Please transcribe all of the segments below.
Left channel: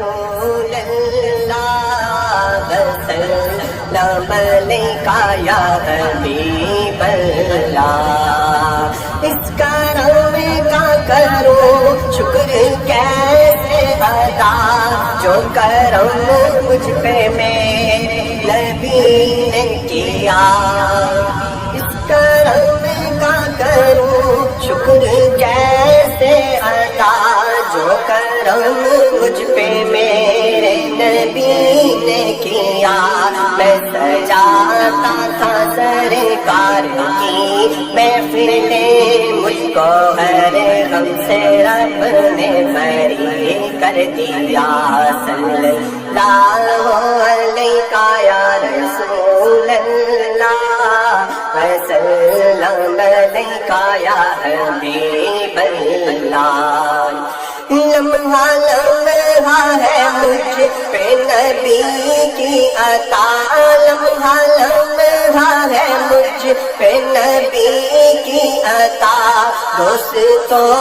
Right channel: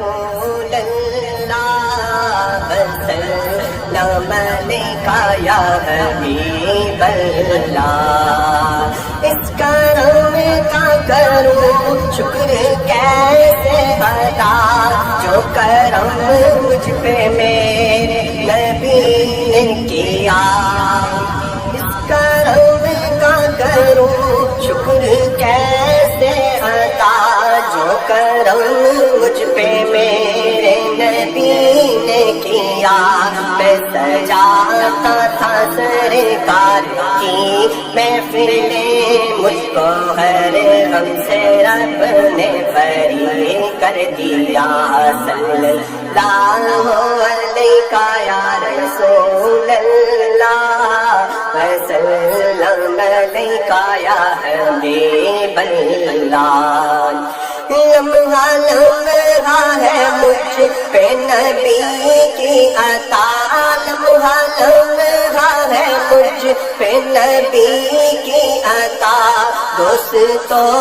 رسول اللہ وسلم علیکہ یا حبیب اللہ۔ اس کرم کا کرو شکر کیسے ادا، جو کرم مجھ پہ میرے نبی نے کیا۔ اس کرم کا کرو شکر کیسے ادا، جو کرم مجھ پہ میرے نبی نے کیا۔ میں سجاتا تھا سرکار کی محفلیں، مجھ کو ہر غم سے رب نے بری کر دیا۔ صلی اللہ علیہ یا رسول اللہ وسلم علیکہ یا حبیب اللہ۔ لمحہ لمحہ ہے مجھ پہ نبی کی عطا، لمحہ لمحہ ہے مجھ پہ نبی کی عطا۔ دوستوں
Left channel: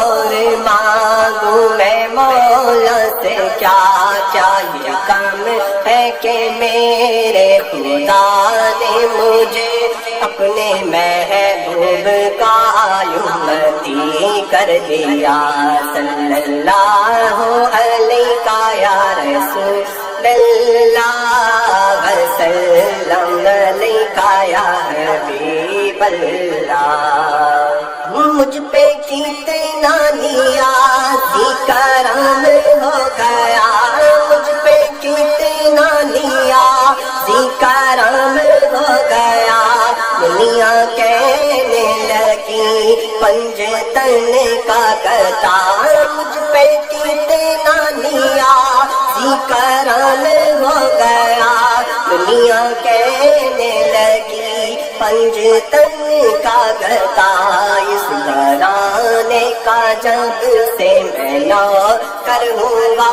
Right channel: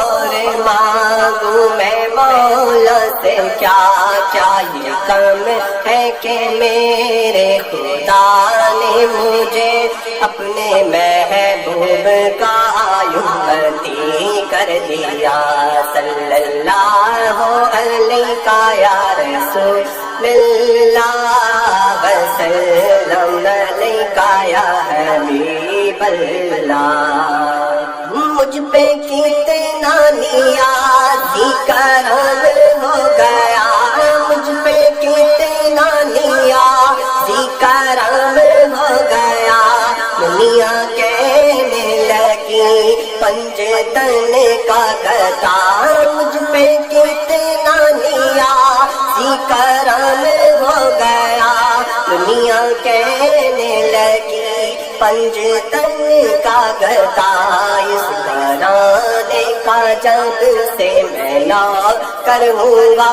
اور مانگوں میں مولا سے کیا کیا، یہ کم ہے کہ میرے خدا نے مجھے اپنے محبوب کا امتی کر دیا۔ صلی اللہ علیہ یا رسول اللہ وسلم علیکہ یا حبیب اللہ۔ مجھ پہ کتنا نیازی کرم ہو گیا، مجھ پہ کتنا نیازی کرم ہو گیا۔ دنیا کہنے لگی پنجتن کا گدا، مجھ پہ کتنا نیازی کرم ہو گیا۔ دنیا کہنے لگی پنجتن کا گدا، اس گھرانے کا جب سے میں نوکر ہوا،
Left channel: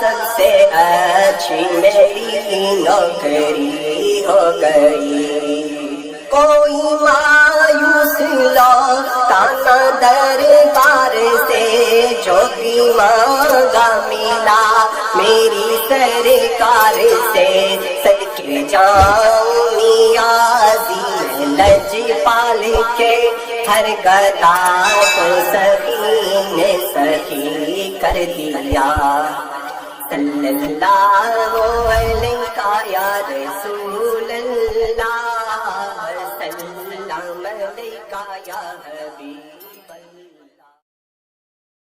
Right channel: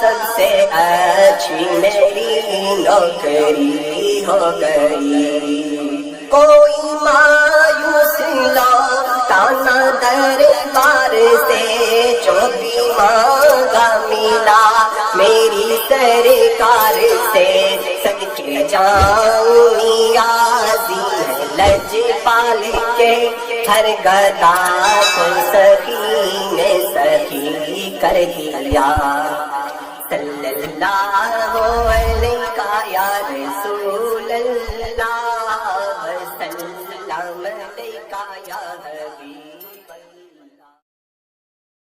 سب سے اچھی میری نوکری ہو گئی۔ کوئی مایوس لوٹا نہ دربار سے، جو بھی مانگا ملا میری سرکار سے۔ صدقے جاؤں نیازی لج پال کے، ہر گدا کو سخی نے سخی کر دیا۔ صلی اللہ علیہ یا رسول اللہ وسلم علیکہ یا حبیب